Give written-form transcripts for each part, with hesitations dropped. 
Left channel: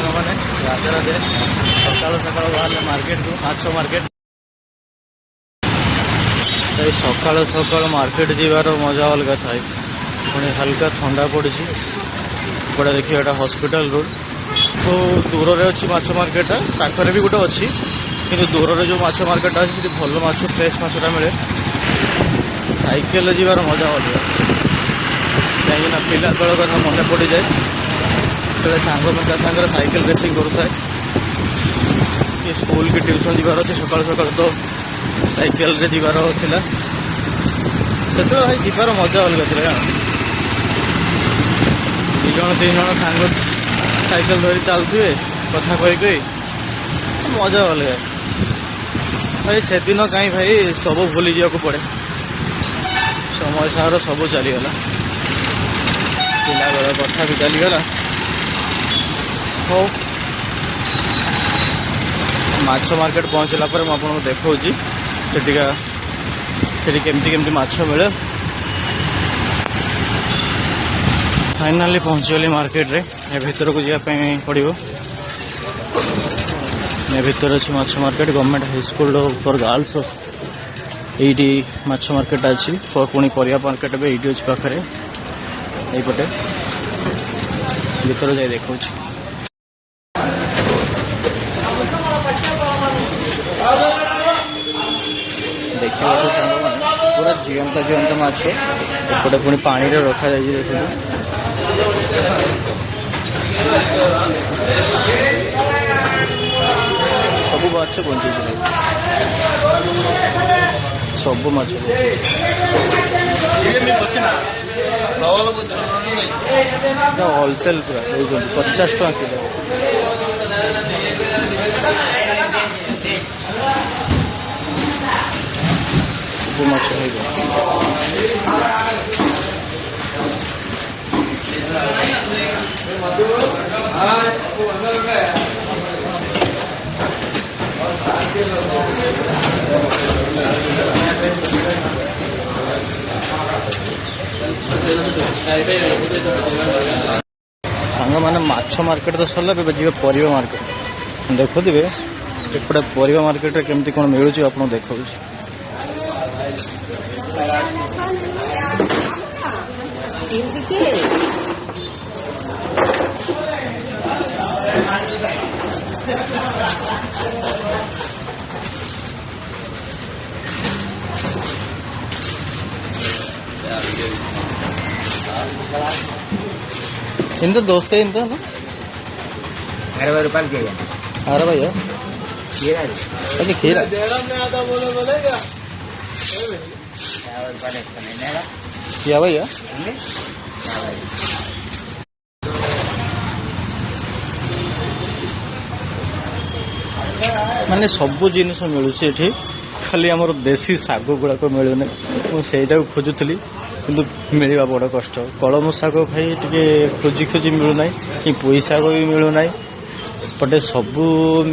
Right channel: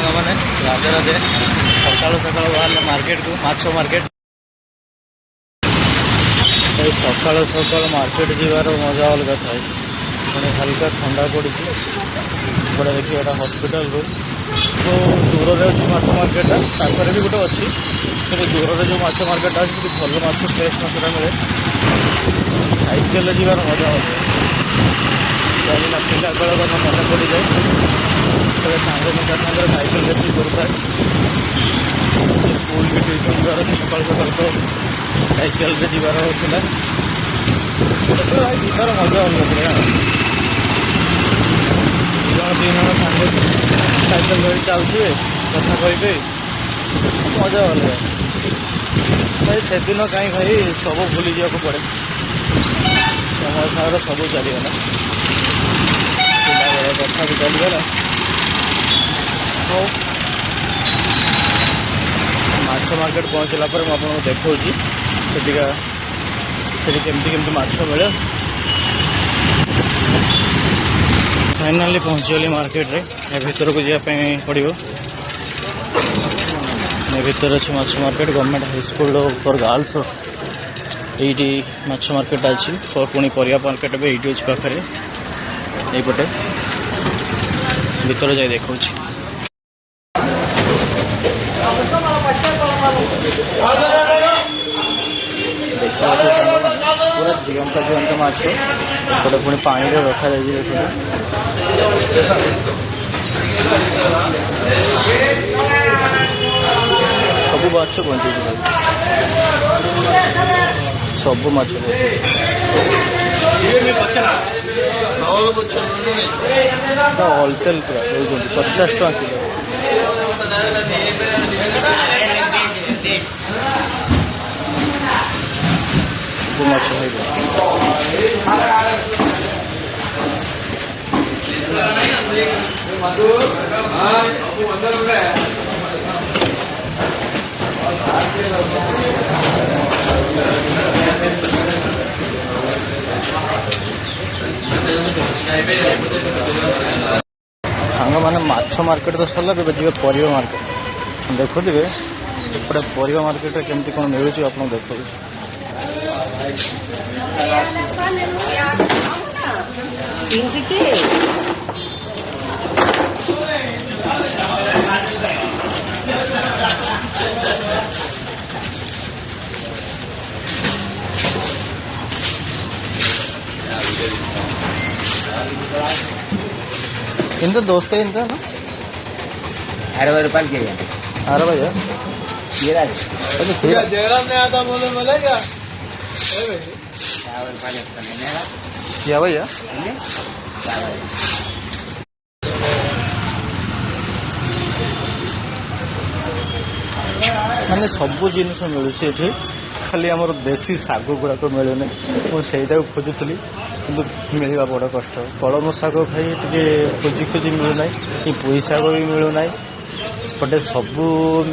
सांग मैंने राधे राधे सकाल सकाल बाहर मार्केट को माछ मार्केट सकाल सकाल मार्केट जीवार मजा अलग थाए हल्का ठंडा पड़ी गोटे देखिए एटा हॉस्पिटल रोड तो दूर में अच्छी माछ मार्केट पाखे भी गोटे अच्छी से दूर में जो माछ मार्केट आज भल माछ फ्रेश माछटा मिले साइकेल जीवार मजा अलग पिला बेल कथा मन पड़ जाए तो सांग सागर साइकेल बसिक करता स्कूल की ट्यूशन जीवार सकाल सकाल तो साइकेल रे जीवार होता जीवार मजा अलग थे जन तीन जन सांग साइकेल धरी चलते कथा कही मजा अलग भाई से दिन कहीं भाई सब भूली जावाक पड़े समय सागर सब चलीगला पिला बेला कथा भी चलीगला तो माछ मार्केट पहुँचला पर मुझे आपको देखा केमती माछ मिले फाइनाली पहुँचगली मार्केट रे भीतर को जावाई पड़ो भीतर अच्छे माछ market government high school for girls ये माछ मार्केट अच्छी पुणी परिया मार्केट भी ये पाखे यहीपटे भीतर जाए देखा पूरा जीवंत जीवंत माछ एपटे पुणी पानी रखा सब माछ बंचे सब माछ होलसेल पूरा 50 टका किलो सब माछ सांग मैंने माछ मार्केट तो सरला जी परिया मार्केट देखुवे एपटे परिया मार्केट केमती कौन मिलूँ आप देखा इंत दोस्त इंत 60 रुपये के 60 भैया खीरा अरे खीरा क्या भैया मैंने सब जिनस मिलूँ खाली आमर देसी शाग गुड़ाक मिलूना मुझे खोजुली कि मिलवा बड़ कष्ट कलम शाग खाई टे खोजी खोजी मिलूना कि पुई शाग भी मिलूना पटे सब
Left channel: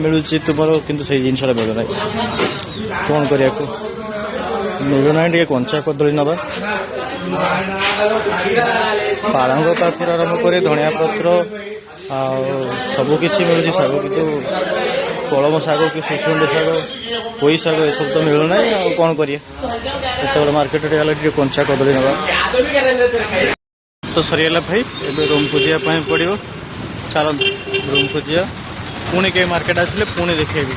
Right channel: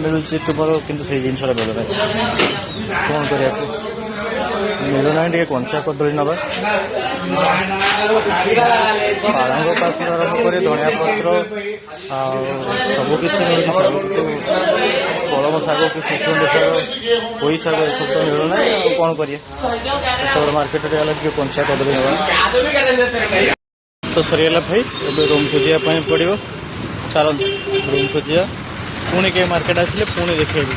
मिलूँ तुम कि जिनसा मिलूना कौन करा मिलूना टे कंचा कदली नवा पालंग पाखर आरम्भ कर धनिया पत्र सबकि मिलूँ शाग कि कलम शाग कि सुसुंड शाग पुई शाग ये सब तो मिलूना कौन करिए मार्केट गला कंचा कदली ना तो सरीगला भाई ए रूम को जावाई पड़ो चल रूम को जा पुणी के मार्केट आसिले पुणी देखेबी।